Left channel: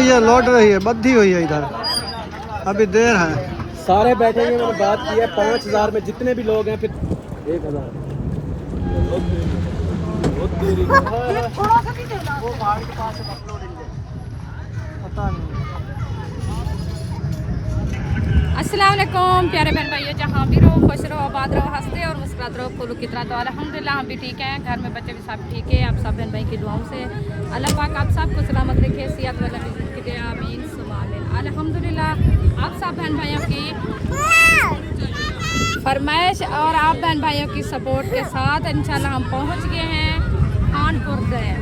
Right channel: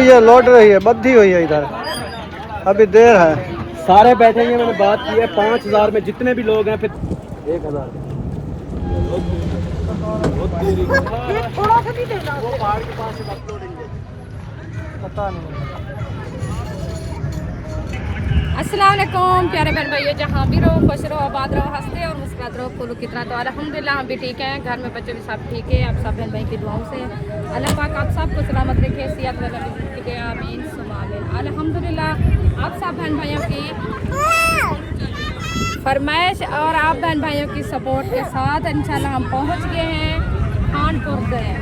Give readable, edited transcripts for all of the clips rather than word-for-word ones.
ये लौट रही है, बद्धी हुई है इधर, अभी देर है। सारे बैठेंगे, मैंने बात की है 5000 में जितने भी लोग हैं, फिर 1000 थोड़ा सा भी देना। वो पहाड़ के पास से अपलोडिंग पता नहीं। अस्सलाम वालेकुम प्यारे बहन भाई, जहाँ भी रहो खुश रहो, आबाद रहो, हंसते और मुस्कुराते रहो, फूलो कितना। तो अल्हम्दुलिल्लाह हम भी ठीक हैं, घर में बच्चे भी सब ठीक है। आप सब बहन भाई की दुआओं से अल्लाह पाक आप सबको सलामत रखे, सेहत वाला रिज़्क़ दे, आमीन सुम्मा आमीन। अल्हम्दुलिल्लाह आप सब बहन भाइयों की फरमाइश और आप बहन भाइयों की सपोर्ट के साथ इंशाल्लाह हम पहुँच गए हैं खानपुर गए,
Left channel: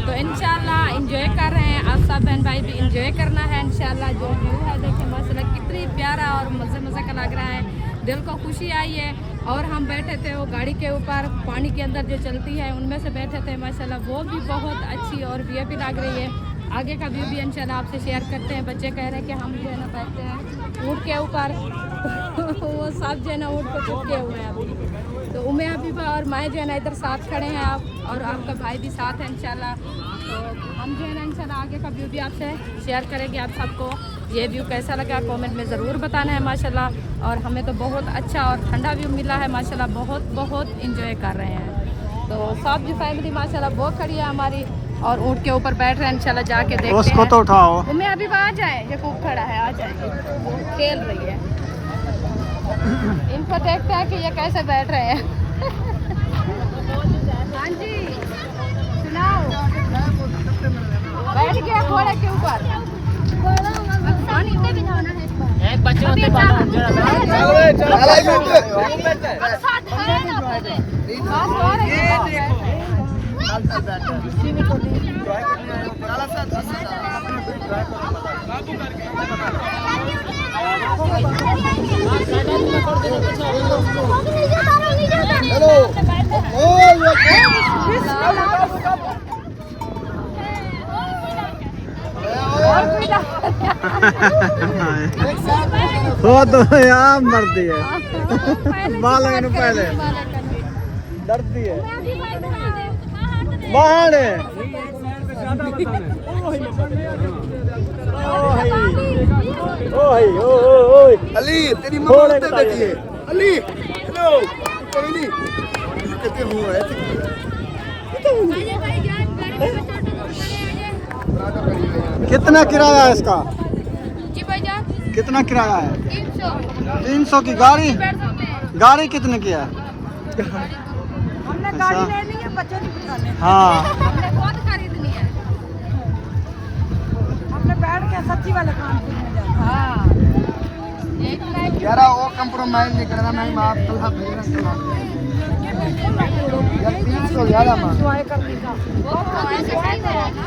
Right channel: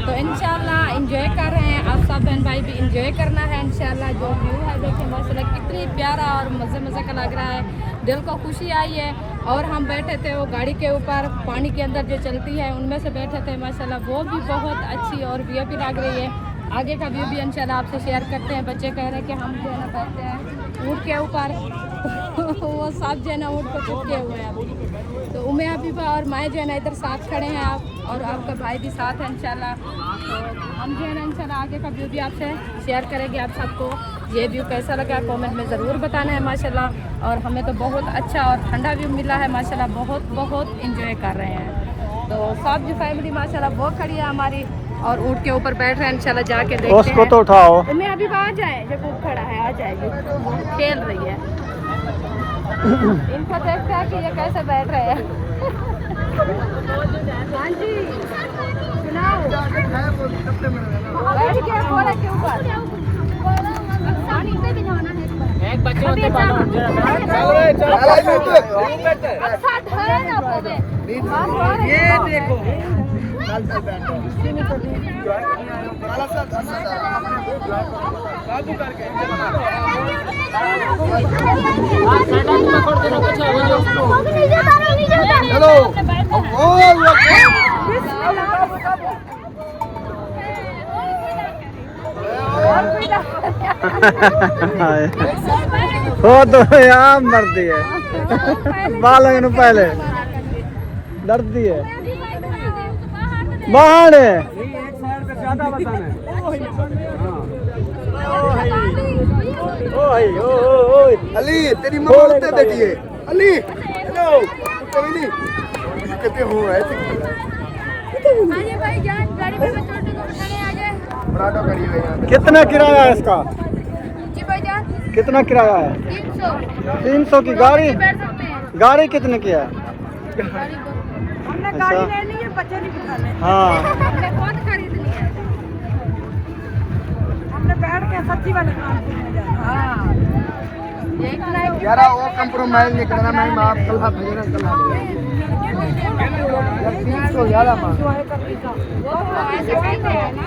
तो इंशाल्लाह एंजॉय कर रहे हैं। आप सब बहन भाई भी एंजॉय करना है इंशाल्लाह। जो व्यू है देखिए माशाल्लाह कितनी प्यारा और मज़े मज़े का लग रहा है, दिल को खुशी आई है। और हम बैठे थे वो गाड़ी के ऊपर, पानी के अंदर जो चलती है उनमें से बैठे थे माशाल्लाह, वो भी बहुत अच्छी और वीआईपी लग रही है। आगे का व्यू भी इंशाल्लाह आपसे शेयर करते हैं। बच्चे कह रहे हैं कि हम जो है ना बैठते हैं ऊँट के ऊपर वो सब जो है ना ऊँट को चुपके हुए हैं अभी। तो उमे अभी और मैं जो है ना इधर साथ खड़े हैं, आप और आपका भाई भी साथ है इंशाल्लाह। तो हम जो है ना इंशाल्लाह आगे का व्यू भी आपसे शेयर करेंगे। आप सबको ये व्यू कैसा लगा कमेंट में ज़रूर बताना है माशाल्लाह। और हमें तो बहुत अच्छा और ठंडा व्यू मिला है माशाल्लाह, बहुत बहुत इंजॉय कर रहे हैं। तो सब जो फैमिली माशाल्लाह वो खड़ी है हमारी और ऊँट के ऊपर बैठ रहे हैं इंशाल्लाह, जाके देखते हैं। उसको तो उठाओ। मैं अभी आ जाए, ये खूब खड़ा है, आ जाएगी, खेल रही है। इनको देखते हैं कि ये कैसे बैठ रहे हैं। हाँ जी सुनाओ, बैठ गया घोड़े के ऊपर। एक बच्चे ये देखो काबू करके चलो हो तो यार मरती है बालों ने पहले डरती है बाहर है। ज्यादा बताना है। अली तेरी मम्मा उत्ते बैठी है। अली हेलो तेरी कहते हो ऐसे कितना किराया है इसका? जी भाईजान कितना किराया है? 300। 300 की गाड़ी? गाड़ी कितने की है? अच्छा हाँ हमने कौन खरीदनी है? हमने गाड़ी है सच्ची वाला काम में जाना। हाँ एक लाइक यार वो कंप्रोमाइज नहीं करना, मैं माफ कल हाथ भेजना कल यार 300 यार वो तो ऐसे कहते हैं ना।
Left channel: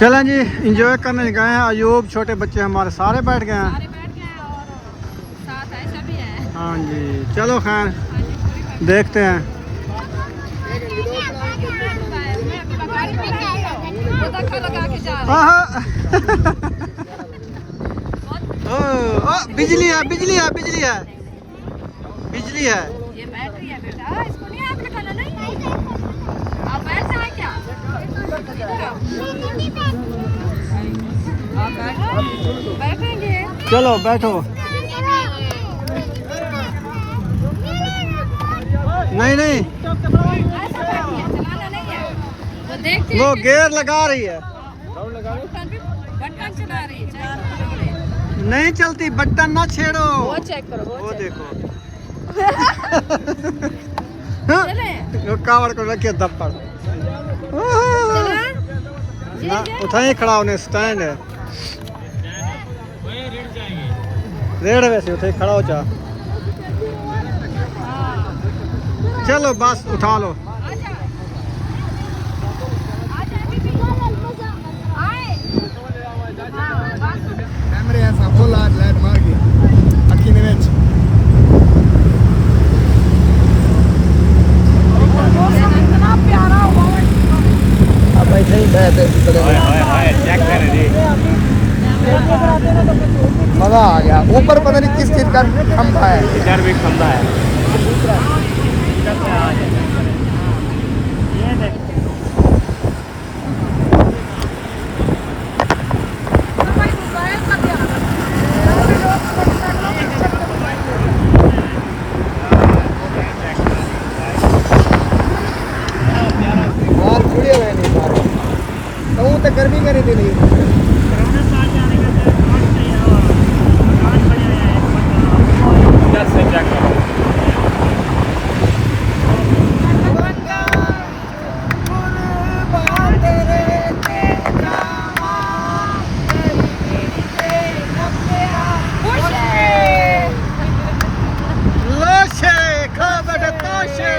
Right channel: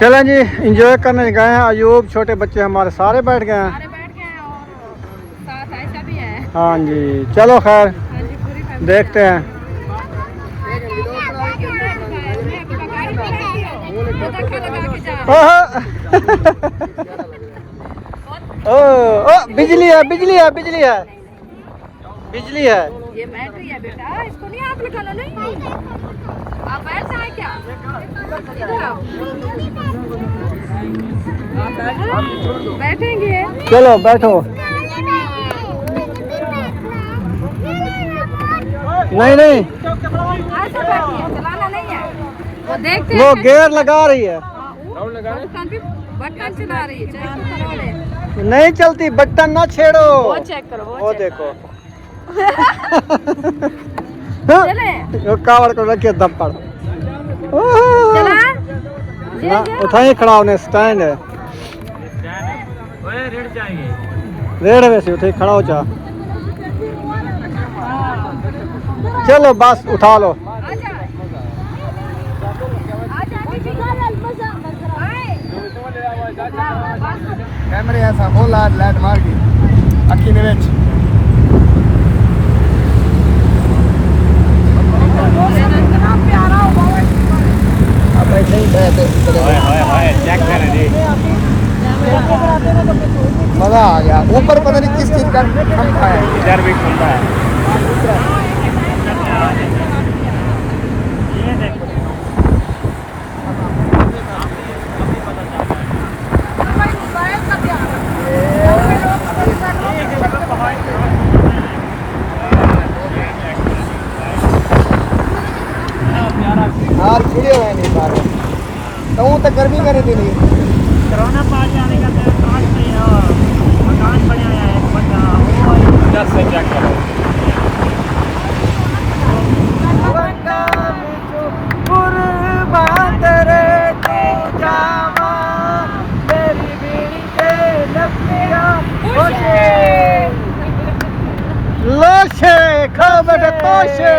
चलें जी एंजॉय करने गए हैं। अयूब छोटे बच्चे हमारे सारे बैठ गए हैं। सारे बैठ गए हैं और साथ ऐसा भी है। हाँ जी चलो खैर हाँ जी पूरी फैमिली देखते हैं। ओ बिजली है बिजली है बिजली है बिजली है। ये बैटरी है बेटा, इसको नहीं आप लगाना। नहीं आप बैठ जाए क्या? इधर आओ, बैठेंगे। चलो बैठो। नहीं नहीं ऐसा बैठिए, चलाना नहीं है। वो देखते वो हैं। गियर लगा रही है। बटन भी बटन चला रही है, चेक तो करो ले। नहीं चलती, बटन ना छेड़ो। वो चेक करो, वो देखो चले वो कावड़ को रखिए दम पर चला ना उठाई खड़ा होने स्टैंड है रेड वैसे उठे खड़ा हो जा। चलो बस उठा लो। आ जाए दीदी आए। हाँ बस कैमरे ऐसा हो लाइट मार के अखी ने विच इतना प्यारा हुआ चेक कर जी। मजा आ गया। ऊपर पता नहीं किस चीज का खंभा है, इधर भी खंभा है। तो वो तो गर्मी करे थे नहीं कोरोना पास जाने का तो कांच नहीं है और कांच बढ़िया है एक बंदा वो इधर से चेक करो लोशे खबर तोशे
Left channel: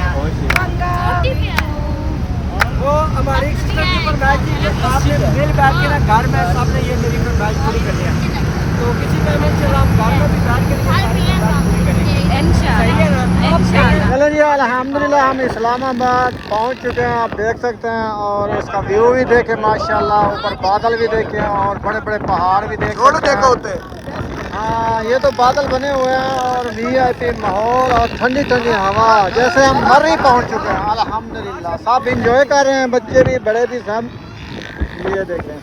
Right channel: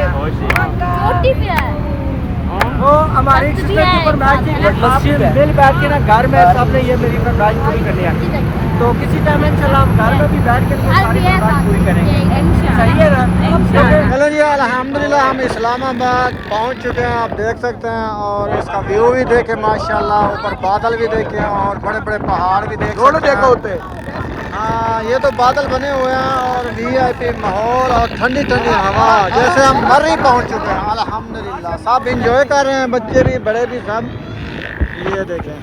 चोटी पे है वो हमारी सिस्टर के ऊपर मैच थी आपने मिल बैठ के ना घर में सबने ये मेरी फरमाइश पूरी कर लिया तो किसी टाइम इंशाल्लाह हम घर में भी बैठ के ये सारी फरमाइश पूरी करेंगे सही है ना चलो जी अल्हम्दुलिल्लाह हम इस्लामाबाद पहुंच चुके हैं आप देख सकते हैं और इसका व्यू भी देखे माशाल्लाह ऊपर बादल भी देखे और बड़े बड़े पहाड़ भी देखे दोनों देखा होते हाँ ये तो बादल बने हुए हैं और VIP माहौल और ठंडी ठंडी हवा जैसे हम मर्री पहुंच चुके हैं अल्हम्दुलिल्लाह सब इंजॉय कर रहे हैं बच्चे भी बड़े भी सब ये देखें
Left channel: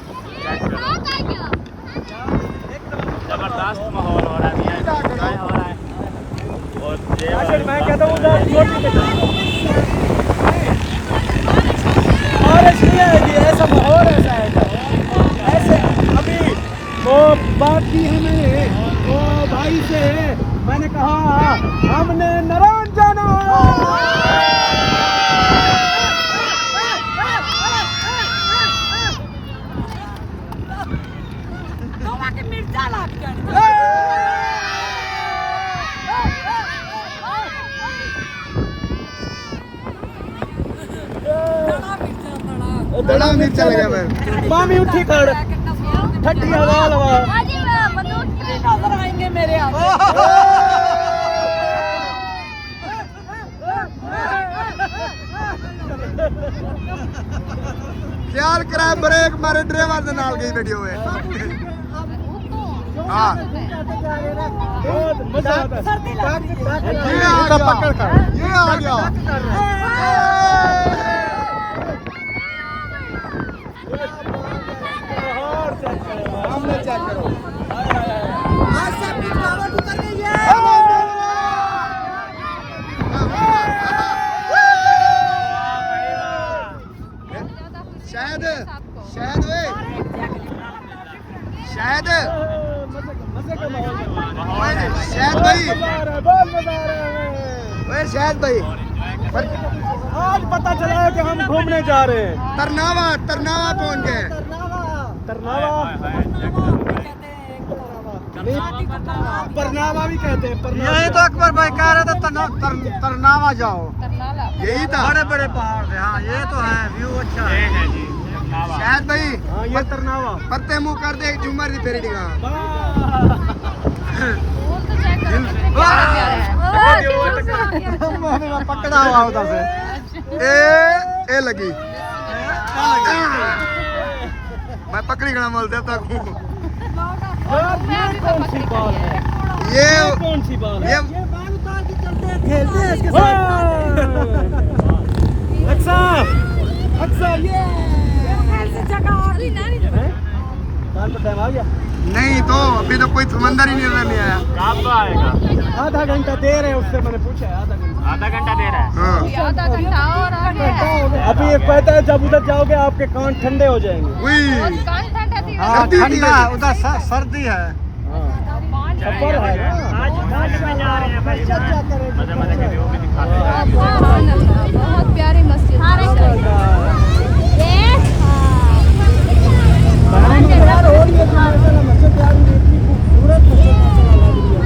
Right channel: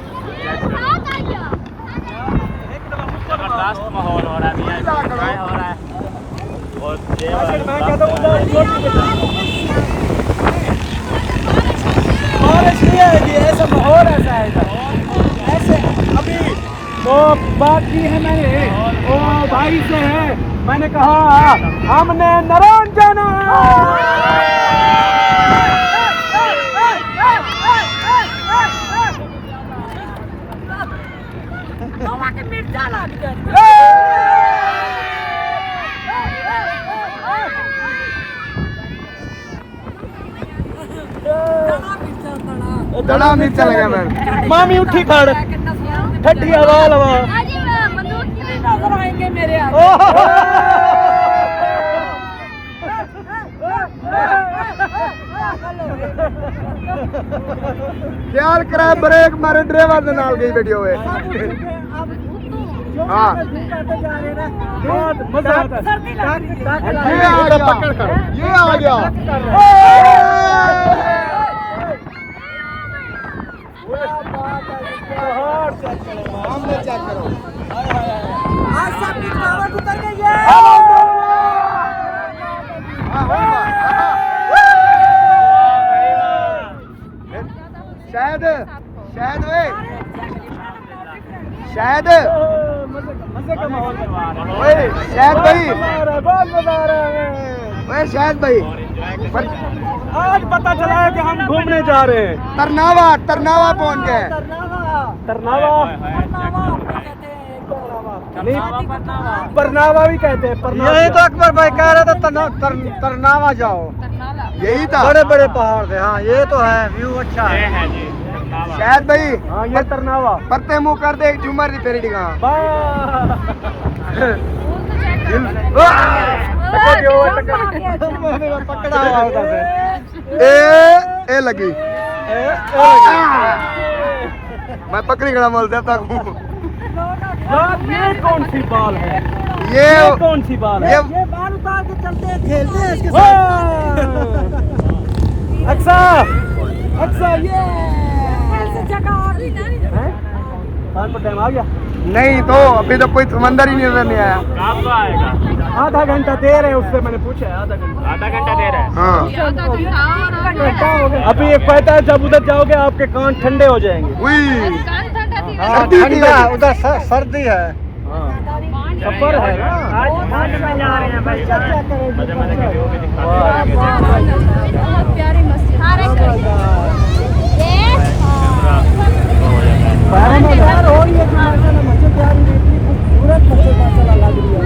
जबरदस्त माहौल हो रहा है एंजॉय हो रहा है और ये वाला बारिश नहीं आएगी ऐसा माहौल ऐसा है ऐसे अभी वो बात की है मैंने वो भाई से है मैंने कहा हमने नरौन जाना दड़ा मिर्चा लगा मैं मामी उठी खड़ ठंडी हवा लगा नजर आएंगे मेरे ख्याल करा ब्रेक मारे ड्राइवर दे नाल गई वीडियो है हाँ ये आ गया ये आ गया शायद शायद शायद शायद भाई शायद भाई आज पता चला है कि हम घूमने जा रहे हैं तरनावा तरनावा पहुंच गए परनावा भी कहते हैं यही तो अकबर भाई कह रहे थे तरनावा जाओ यही था बड़े बड़े पहाड़ थे हाँ ये तो है व्यू अच्छा है जी शायद भाई हाँ ये तरनावा परते मुंह कर दे एक झूमर दी फेरी दिखा पकड़ा हुआ उधर से ए लगी मैं पकड़ी खड़ा बोल देता हूँ ये कौन सी बाल है ये कौन सी बाल है ये बाल उतार के चलते हैं खेलते हैं इसके साथ अच्छा अच्छा ये बाल पर टाइम आ गया नहीं तो अभी तो कोई समंदर ही नहीं रहने आया कब आएगा आधा घंटा दे रहे हैं उससे मैंने पूछा आधा घंटा दे रहे हैं हाँ अभी एक कहता है जब उधर जाओगे आपके कान ठंडे हो जाएंगे हुई हाँ ठंडा उधर सर्दी है सफर है ना आज में जा रहे हैं भाई मजे मजे के व्यू भी दिखा बहुत प्यारी मस्जिद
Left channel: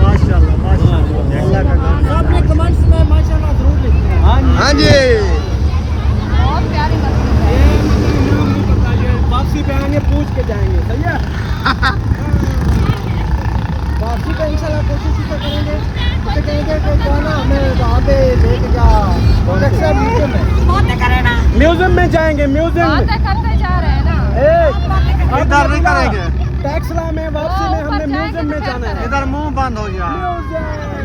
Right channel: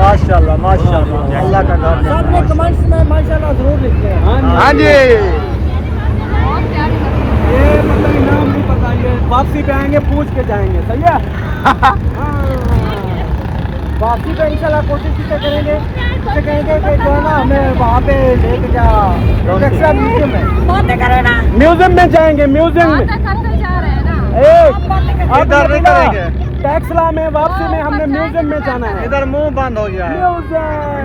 माशाल्लाह माशाल्लाह अल्लाह का घर सबने कमेंट्स में माशाल्लाह जरूर लिखते हैं हाँ जी ये मतलब नाम नहीं पता ये वापसी पे आएंगे पूछ के जाएंगे सही है वापसी पे इंशाल्लाह कोशिश इसे करेंगे इसे कहेंगे कि जो है ना हमें वहाँ पे लेके क्या एक्स्ट्रा म्यूजियम में जाएंगे म्यूजियम में इधर नहीं करेंगे टैक्सला में वापसी में हमने म्यूजियम में जाना है इधर मुंह बंद हो गया है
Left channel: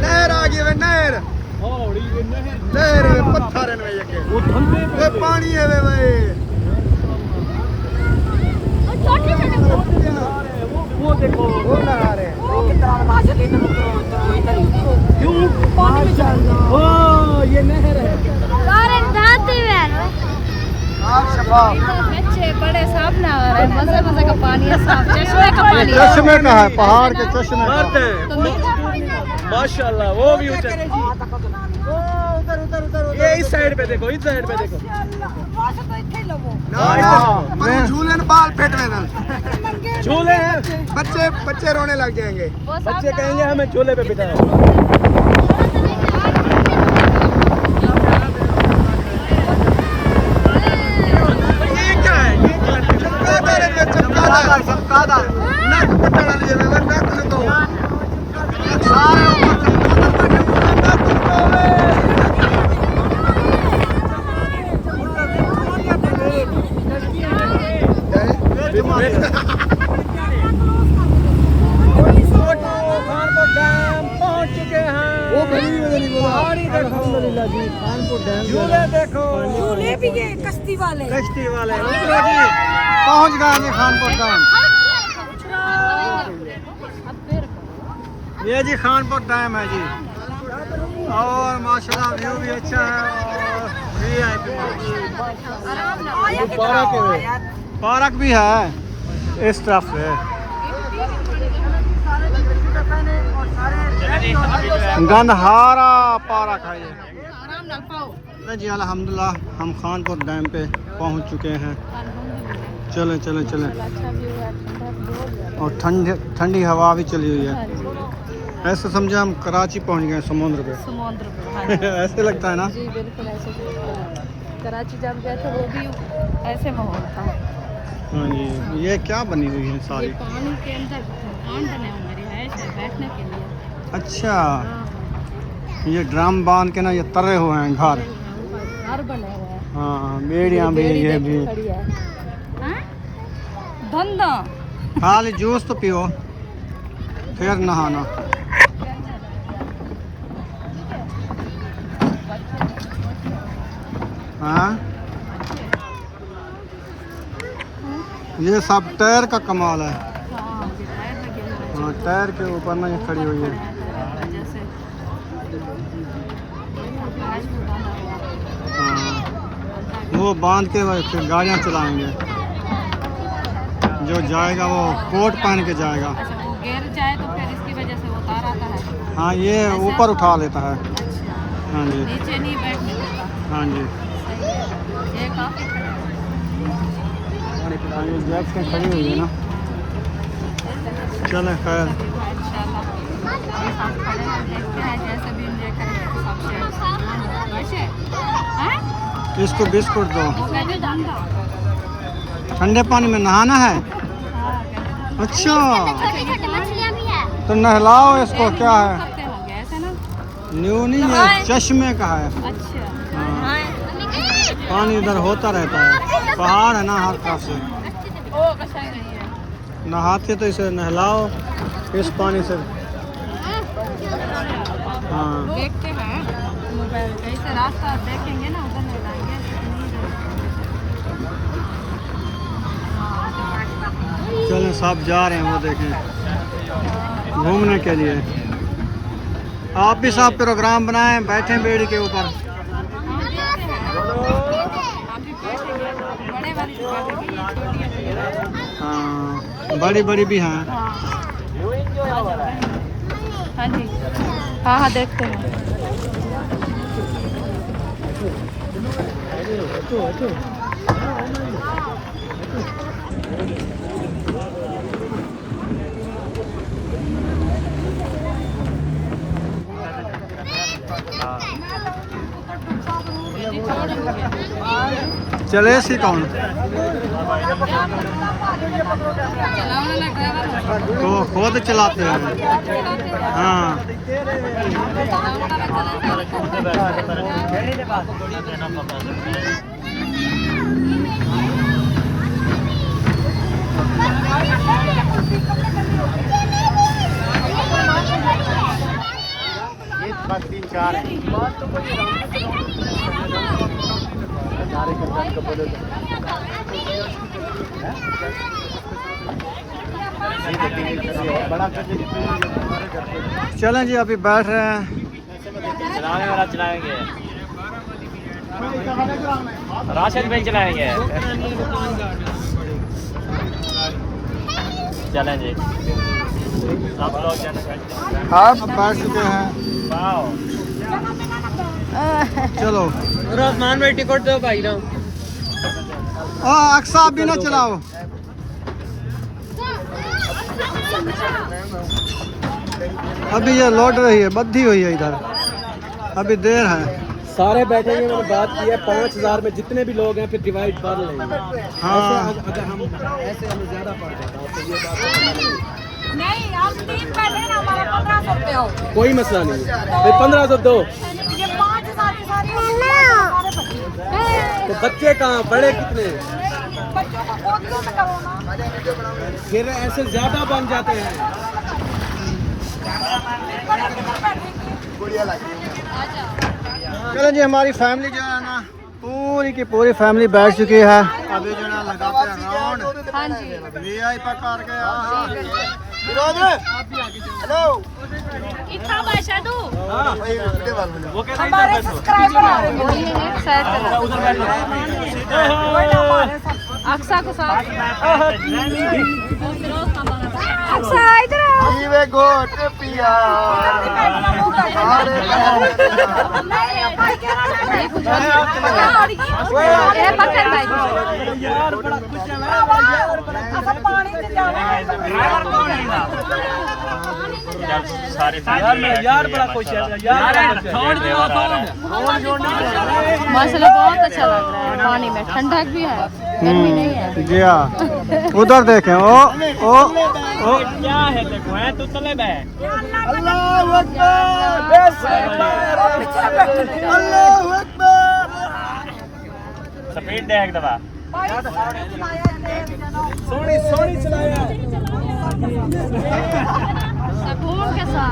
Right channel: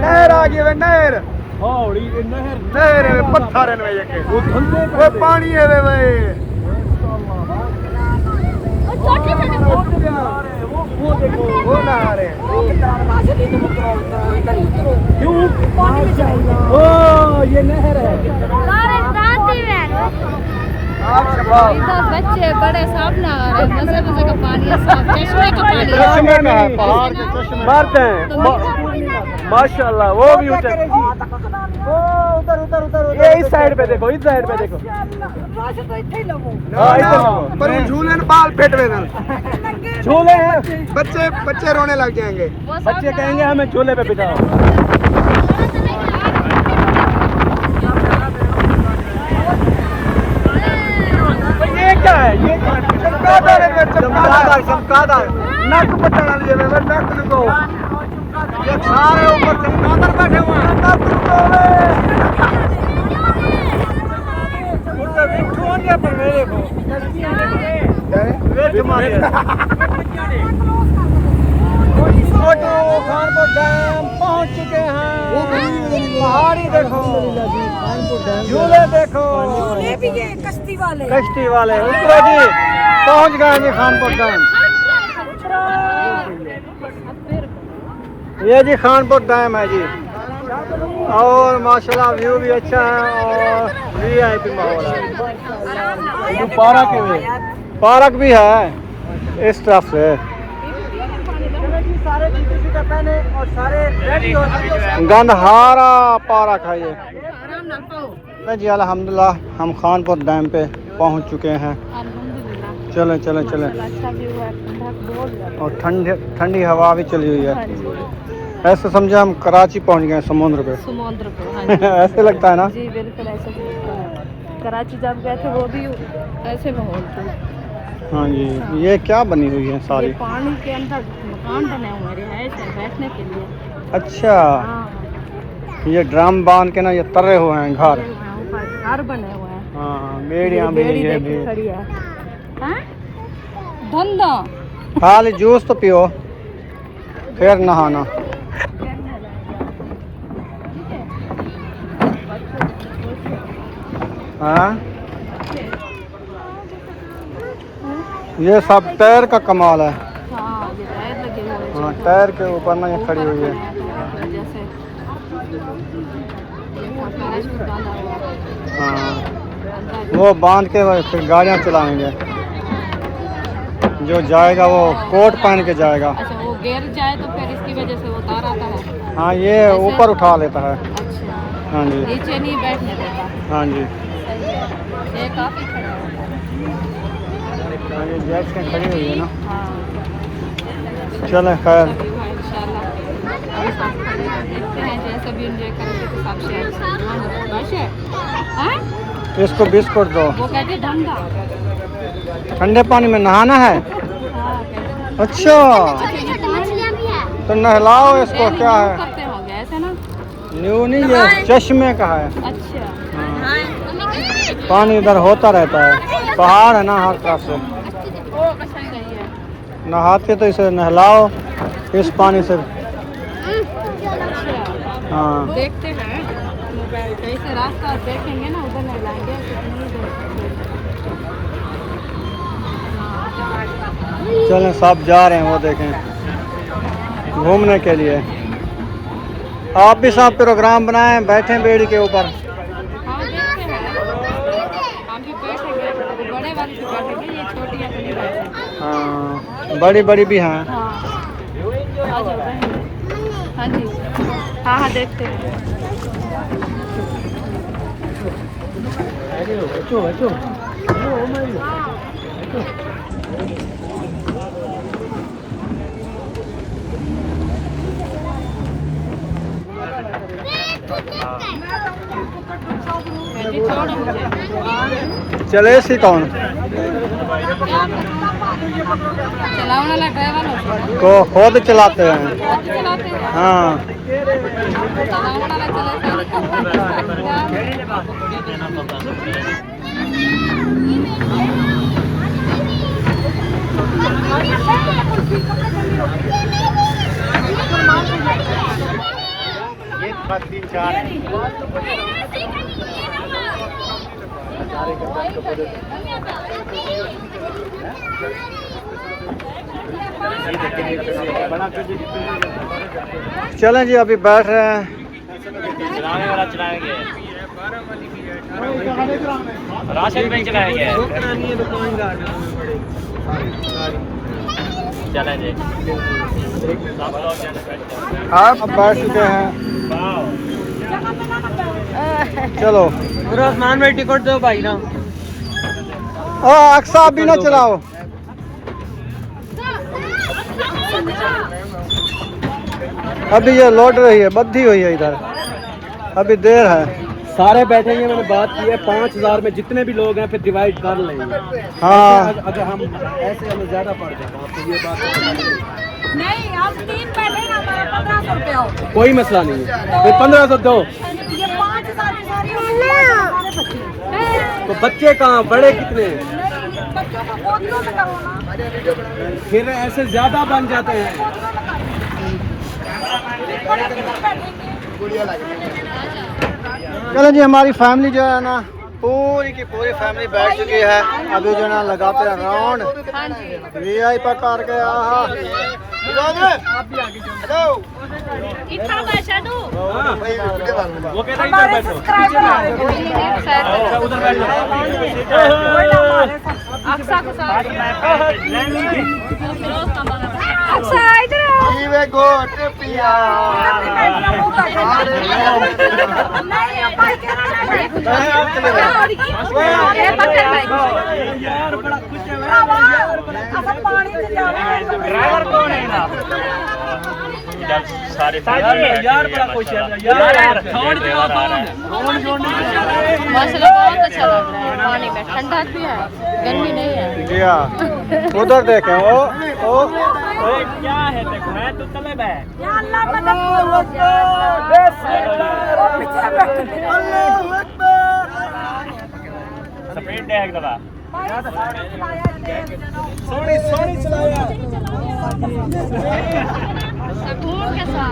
नहर आ गई नहर हौली नहर नहीं पत्थर है ये वो धंधे वो पानी है वे भाई वो देखो वो नहर है क्यों माशाल्लाह ओ ये नहर है तो बच्चे बड़े साफ ना आ रहे मजे मजे का पानी है साफ चश्मे का पानी है चश्मे में है पहाड़ के चश्मे मारते हैं माशाल्लाह वो भी ऊंचा उधर उधर उधर ये इस साइड पे देखो इस साइड पे देखो ना ना पर वो झूले ने बाल फेट लेना झूले हैं बच्चे बच्चे रोने लग जाएंगे बच्चे कहेंगे हमें झूले पे बिठा ये क्या है चमकादड़ है चमकादड़ नक पटना लिए वे नक न दो ये सारे ऊपर चमकादड़ बैठे हुए हैं नक न दो अल्हम्दुलिल्लाह जी खानपुर डैम झूले देखो झूले भी है कश्ती वाले कश्ती वाले उतरो जी पहुंच गए जी खानपुर डैम ये जी खानपुर डैम है जी और माशाल्लाह व्यू भी अच्छा है और वीआईपी माहौल है पार्क भी है इस तरफ से और सारे रेडी हो गंधहारा पार्क है ये नहीं जी अल्हम्दुलिल्लाह हम खानपुर डैम पे पहुंच चुके हैं चलें चलें चलें और ठंडी हवा भी चली हुई है ऐसे समझे हम कराची पहुंच गए समुद्र पे ऐसे लगता है ना जी बिल्कुल ऐसे कराची जब गए थे वो भी ऐसे माहौल था हाँ जी ये क्या बनी हुई है सारी ये पानी के अंदर मकान बने हुए हैं रिहायश है बैठने के लिए अच्छा हाँ ये ड्रम बांध के ना ये तरे हुए हैं घर ऊपर घर बने हुए हैं हाँ बेड़ियाँ भी बेड़ी ये देखो भी खड़ी है हाँ? धंधा खाली जूस तो पियो फिर नहाना हाँ ये सब टायर का कमाल है हाँ ये टायर लगे हुए हैं हाँ टायर के ऊपर ना ये खड़ी हुई है जैसे पैराशूट बांधा हुआ है हाँ अंदर वो बांध के फिर गाड़ियाँ चलाएंगे जो जाएगा वो कोट पहन के जाएगा अच्छा वो गिर जाए तो फिर इसकी वजह से वो तार आता है हाँ ये ऊपर उठा लेता है अच्छा हाँ जी नीचे नहीं बैठने देता हाँ जी सही है ये काफी खड़ा है हाँ ये जैब से खड़ी हुई है ना हाँ चलें खैर व्यू है इंशाल्लाह हम सब खड़े हैं देखते हैं जैसे भी एंजॉय करेंगे तो सब शेयर बस है हाँ? इसको बिस्कुट दो वो कहते हैं धंधा ठंडे पानी में नहाना है हाँ कहते हैं अच्छा अच्छा ये पानी तो नहलाओ इसको क्या है करते हो गए ऐसे ना न्यू नहीं ये चश्मे का है अच्छा हाँ पानी इधर होता रहता है पहाड़ है ना हर तरफ से सही है नहाते तो इसे नहलाओ इस पानी से अच्छा हाँ देखते हैं कहीं से रास्ता देखेंगे ना उधर नहीं लाएंगे चलें सब जा रहे हैं वो देखें घूमने के लिए आप भी सब प्रोग्राम बनाएं बैठें बेड़ी के ऊपर हाँ देखते हैं हम भी बैठेंगे बड़े वाली भी बैठेंगे ये छोटी अपनी बैठेंगे हाँ बड़ी बड़ी भी हैं हाँ हाँ जी हाँ हाँ देखते हैं जी छोड़ मुझे चले सी कौन चलाने वाला ड्राइवर हो को खुद चलाते हैं चलाते हैं हाँ चलाने वाला चले एक बात 3 चलें जी, अभी बैठ रहे हैं। चलाएंगे राशन पे चलाएंगे। चलें जी। अब बैठ चुके हैं। चलो मान में टिकट दो भाई ना। अक्सा अभी ना चलाओ। अभी ये लौट रही है, बद्धी हुई है इधर, अभी देर है। सारे बैठेंगे, मैंने बात की है 5000 में जितने भी लोग हैं फिर डिवाइड कर लेंगे। हाँ अगर हम ऐसे हमें ज्यादा पड़ जाएगा। नहीं, हम 3 बैठे ना, हमारा 1500 रुपये हो। कोई मसला नहीं है, फिर 1500 दो। ये 5000 की सारी सारे बच्चे। तो बच्चे कहाँ, बड़े कितने? नहीं, बच्चों को बहुत दूर लगाओ। फिर ऐसे ज्यादा बन जाते हैं। चलो जी, हमारी फैमिली जो है ना, पूरी की पूरी फैमिली बैठ चुकी है। अभी जो है ना लगाते हैं राउंड। हाँ जी। VIP कार के इतना पैसा दूँ? हाँ, वो कहता है इधर बैठो। उधर बैठो। अक्सा को साथ अक्सा इधर ड्राइवर कौन है ना? सारे यार बड़ा खुश है यार। मौसम बहुत अच्छा लग रहा है, पानी में ठंडक भी है, गर्मी नहीं है। गया उधर देखें। ओ क्या है, देखो है तो चले बे। स्पीड देख दबा। सोनी चलाया। सुकून के साथ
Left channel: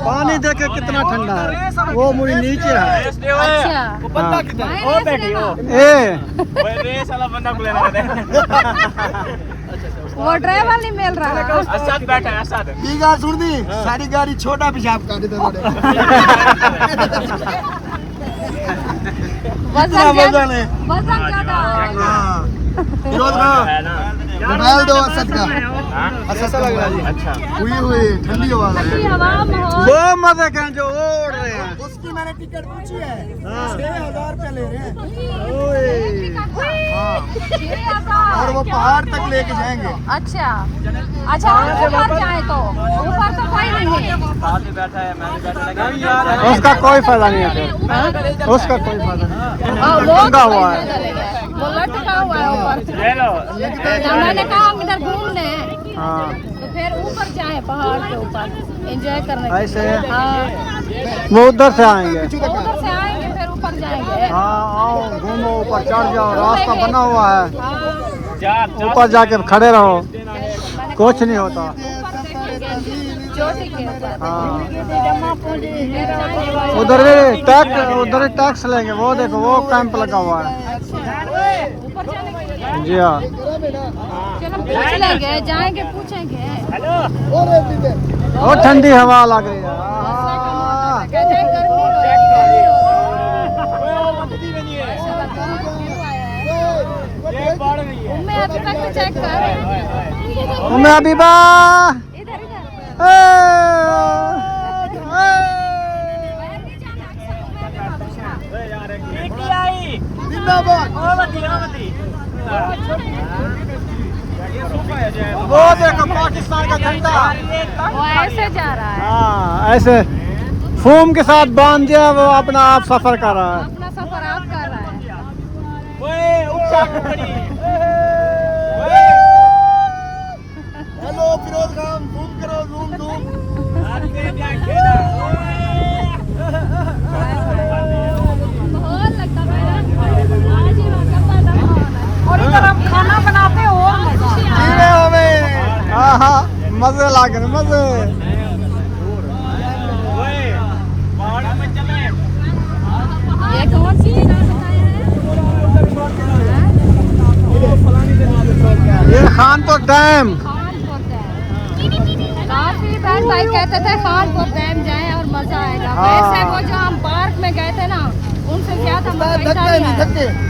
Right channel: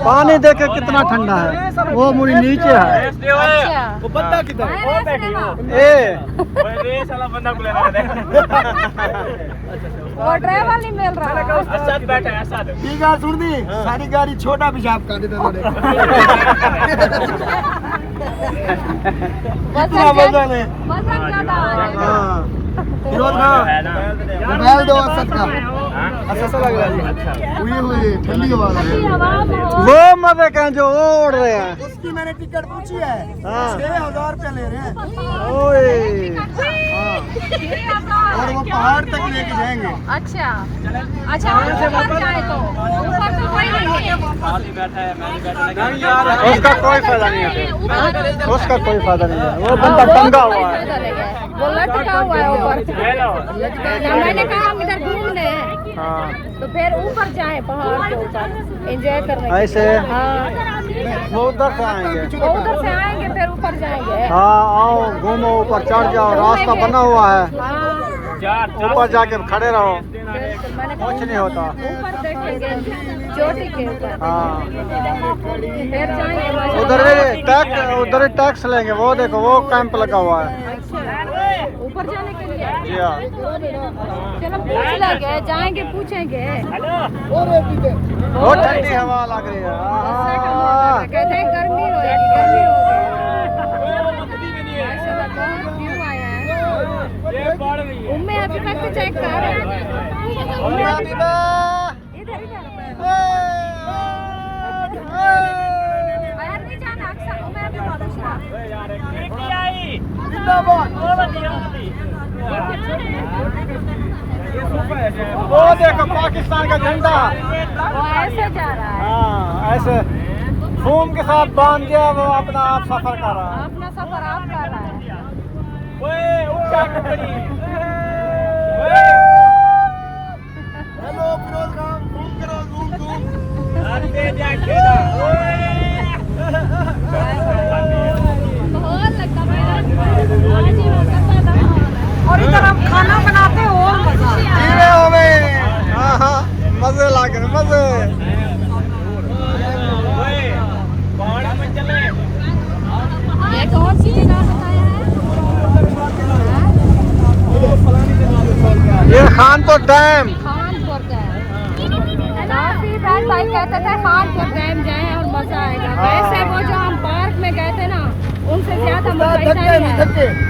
पानी देखे कितना ठंडा है, वो मुड़ी नीचे है। अच्छा। वो बंदा किधर है? वो बैठी हो। रेस वाला बंदा को लेने का। वो ड्राइवर नहीं मिल रहा। असद बैठा है, असद। सुन दी, सारी गाड़ी छोटा पेशाब कर देता। वजन ज्यादा है। हाँ है ना। मोबाइल दो असद का। ऐसा लग रहा है। अच्छा। हुई ठंडी हवा हवा में हो। वो मजे कहें जो उड़ रहे हैं। उसकी मैंने टिकट पूछी है, हाँ। 6000 रुपये ले रहे हैं। ओए और वो पहाड़ तक लेके जाएंगे। अच्छा अच्छा, हम ऊपर जाए तो ऊपर तो कोई नहीं है। नहीं यार, उसका कोई फायदा नहीं है, फिर उसका कोई फायदा नहीं है। वो बंदा टंगा हुआ है। वो लटका हुआ है ऊपर से। ले लो। तो मैंने कहा हम इधर घूमने हैं, हाँ तो फिर ऊपर जाए पहाड़ के ऊपर एंजॉय करने के लिए। ऐसे हाँ, वो उधर से आएंगे। वो उधर से आएंगे फिर ऊपर जाएंगे। हाँ आओ घूमो, ऊपर चढ़ जाओ, रास्ता बना हुआ है। हाँ, ऊपर जाके खड़े रहो, मैंने कुछ नहीं होता। ऊपर देखेंगे चोटी के ऊपर। हाँ फिर जाएंगे उधर ही टैक्स लेंगे। वो देखो, वो कैंप लगा हुआ है। अच्छा, ऊपर जाने के लिए। जी हाँ। चलो पूछ लेंगे, जाएंगे पूछेंगे। बहुत ठंडी हवा लग रही है। आहा। कहते हैं गर्मी हो रही है, गर्मी हो रही है। माशाल्लाह, बहुत व्यू आया है। उम्मे अभी तक चेक कर रहे हैं। उम्मे हबीबा। इधर इधर बाहर नहीं जाना। अक्सर उम्मे हबीबा दूसरा। बेटी आई। ओ बदी। वो देखो पाकिस्तान का झंडा। वो ऐसे जा रहा है, हाँ ऐसे फोम के साथ बांध दिया, वो अपना आप सफर कर रहा है। अपना सफर आप कर रहा है। ओए ऊंचा कुकड़ी। हेलो फिरोज खान, जूम करो, जूम। आज दे जा खेला। ओए। मजे लागे मजे। ये कौन सी जगह बताया है? ये खानपुर डैम। खानपुर डैम। काफी बहन भाई कहते थे खानपुर डैम जाए और मजा आएगा। वैसे वो जो हम पार्क में गए थे ना, उनसे ज्यादा मजा इधर ही है।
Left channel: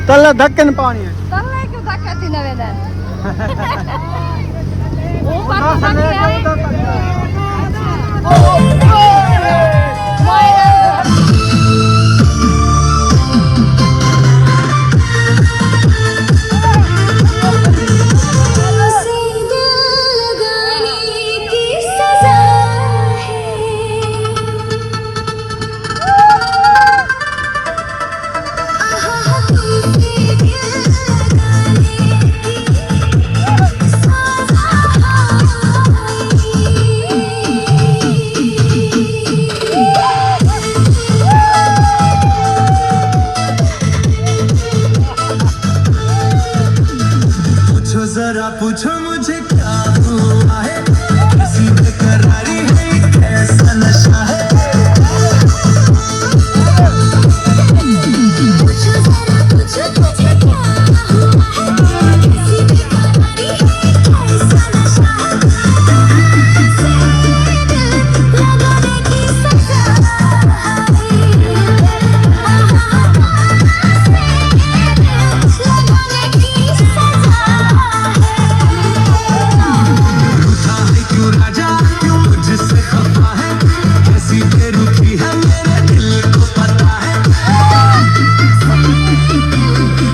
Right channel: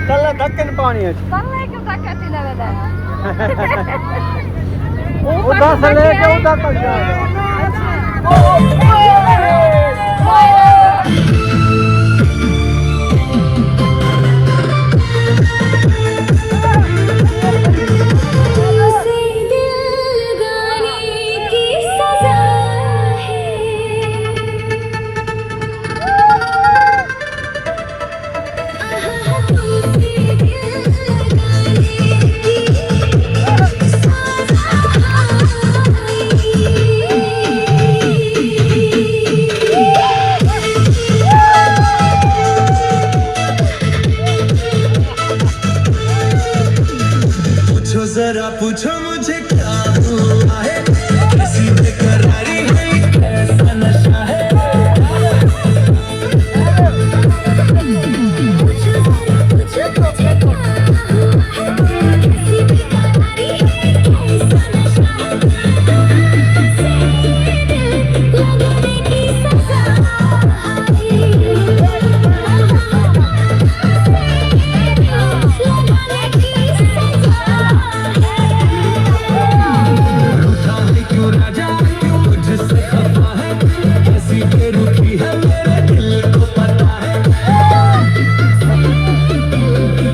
चल धक्के न पानी है। तल्ले क्यों धक्का थी नवे दिन? उधर से लेके उधर तक जाएगा। जरा पूछो मुझे क्या हुआ है, कैसी बेकरारी है, कैसा नशा है। पूछो मुझे क्या हुआ है, कैसी बेकरारी है, कैसा नशा है।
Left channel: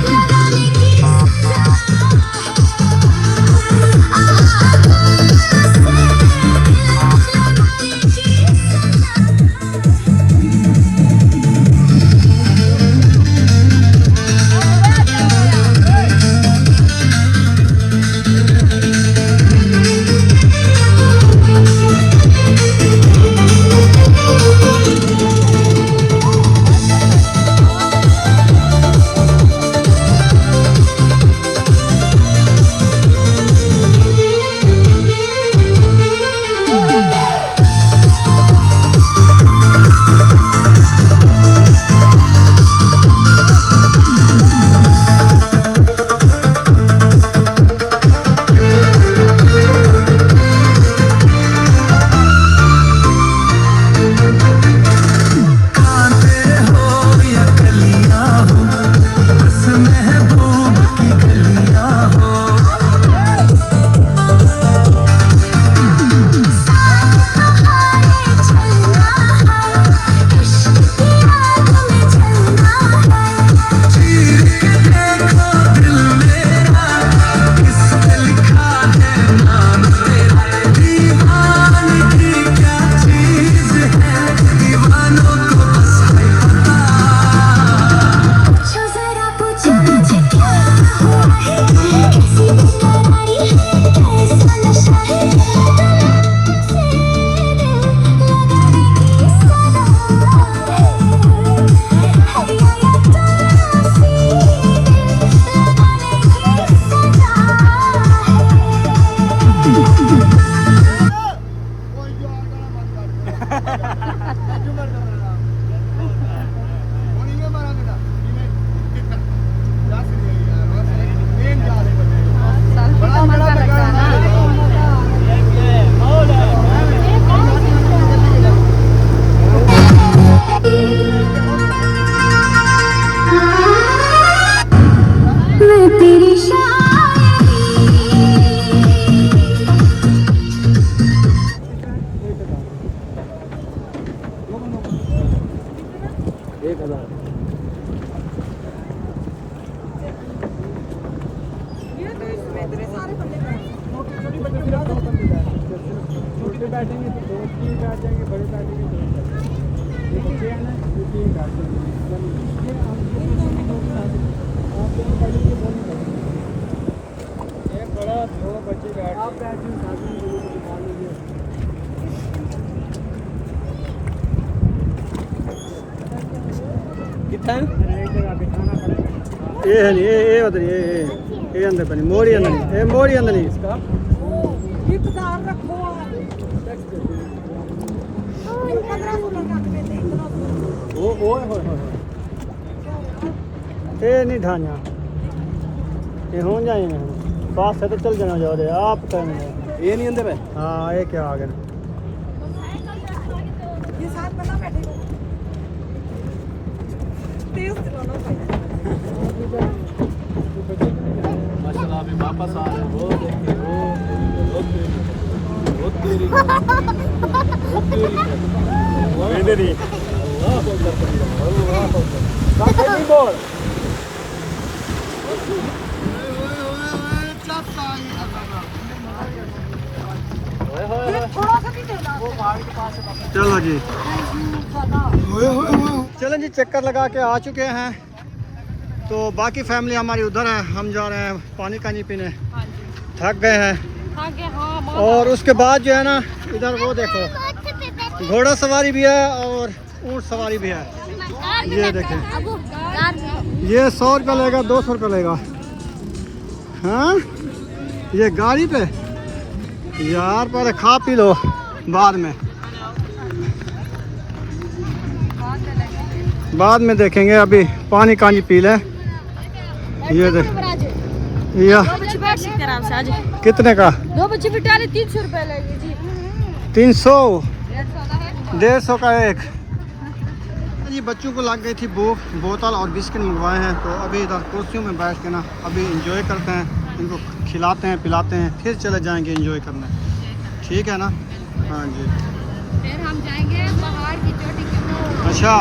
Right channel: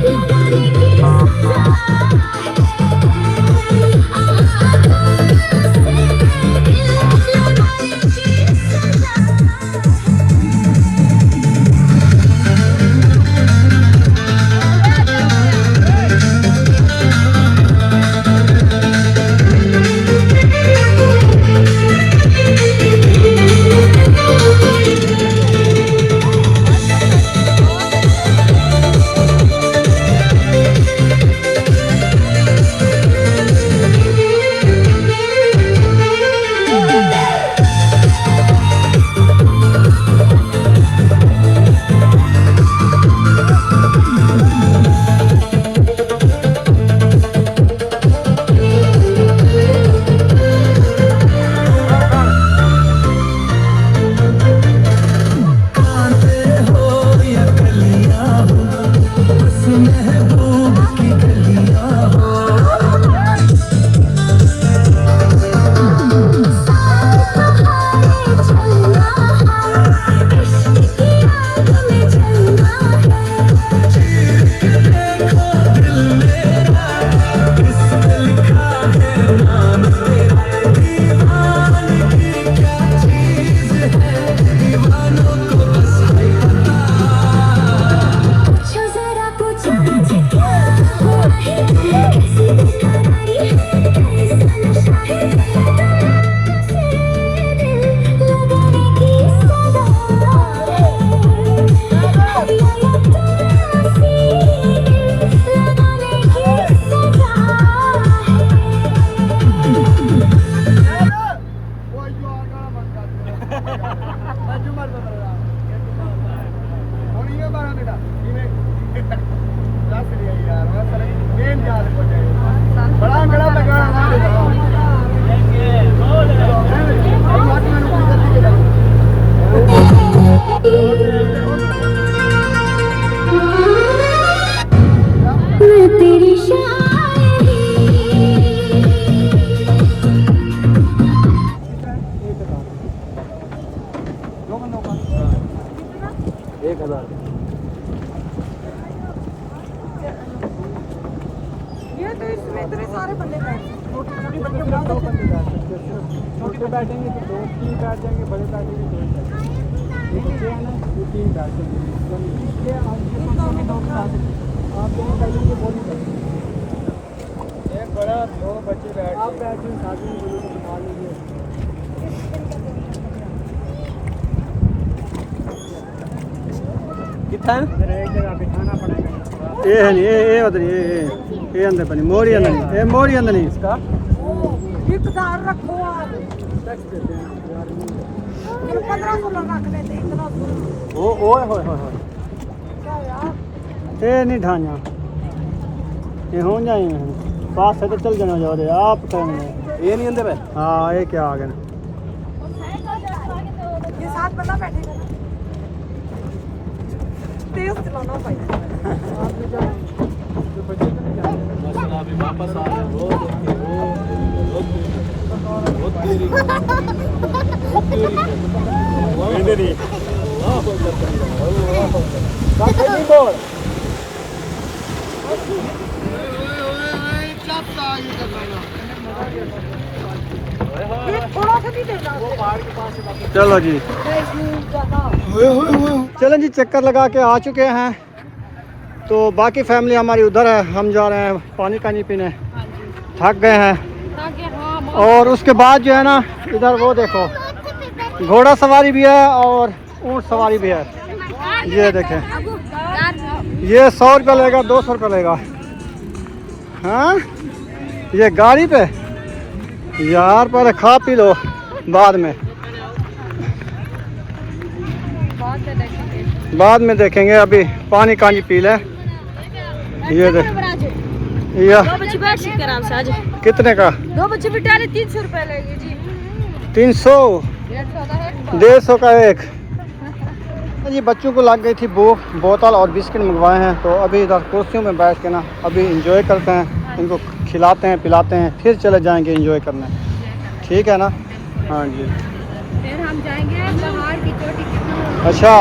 लगाने की सजा छोटे बैठेंगे तो 2-3 बैठ जाएंगे, बड़े बैठेंगे 2 बैठेंगे। ये है ना 3 बैठेंगे। आप दोनों बैठेंगे, बोली बैठेंगे। एक बड़ा 2 बच्चे बैठ, आप बैठेंगे साथ में, दोनों को बिठा लीजिए। कितना एक जगह बिठाना पड़ेगा। ये है नहीं, ये उधर, ये अंदर बनी मोड़ी अंदर नहीं, ये मोड़ी अंदर नहीं इसका। ये 10,000 रखो आप। टैक्स देते हैं 1500 रख लेते इतना। ओ ओए होए होए ये नहीं ढाना ये हो जाएंगे पास से तो चल जाना जा रहे आप कहने ये नहीं अंदर है। हाँ ये क्या आ गया ये साथ बना बैठे तेज चलाना भाई। माशाल्लाह अभी वापस आ रहे हो देखिए वो तेरी नहीं ये थोड़ा सा भी देना। चलो जी चलें जी चक्कर लगा के आ चुके हैं तो बाकी फैमिली हमारी उधर है हम जा रहे हैं पानी कानी पीने थक गए हैं और उसके बाद जो है ना इधर वो देखो घोड़ा सवारी भी है और ऊँट सवारी भी है ये देखें ये 100 रुपये लेगा 200 रुपये लेगा हाँ ये गाड़ी पे यार पर खा पी लो बाद में देखेंगे अभी पानी कानी पी ले ये देख या दो बच्चे बैठ सकते हैं आराम से आज। कितने का 2 बच्चे बिठाने 300 रुपए लेंगे जी। 300 150 का एक जी बच्चों को लग गई थी भूख बोतल और बिस्किट मंगवाए हैं तो अभी इधर कुर्सियों में बैठ के ना अभी इंजॉय करते हैं इनको खिलाते हैं पिलाते हैं फिर चले जाएंगे इंजॉय करने ठीक है ना हाँ जी फिर हम जाएंगे पहाड़ की चोटी के। अच्छा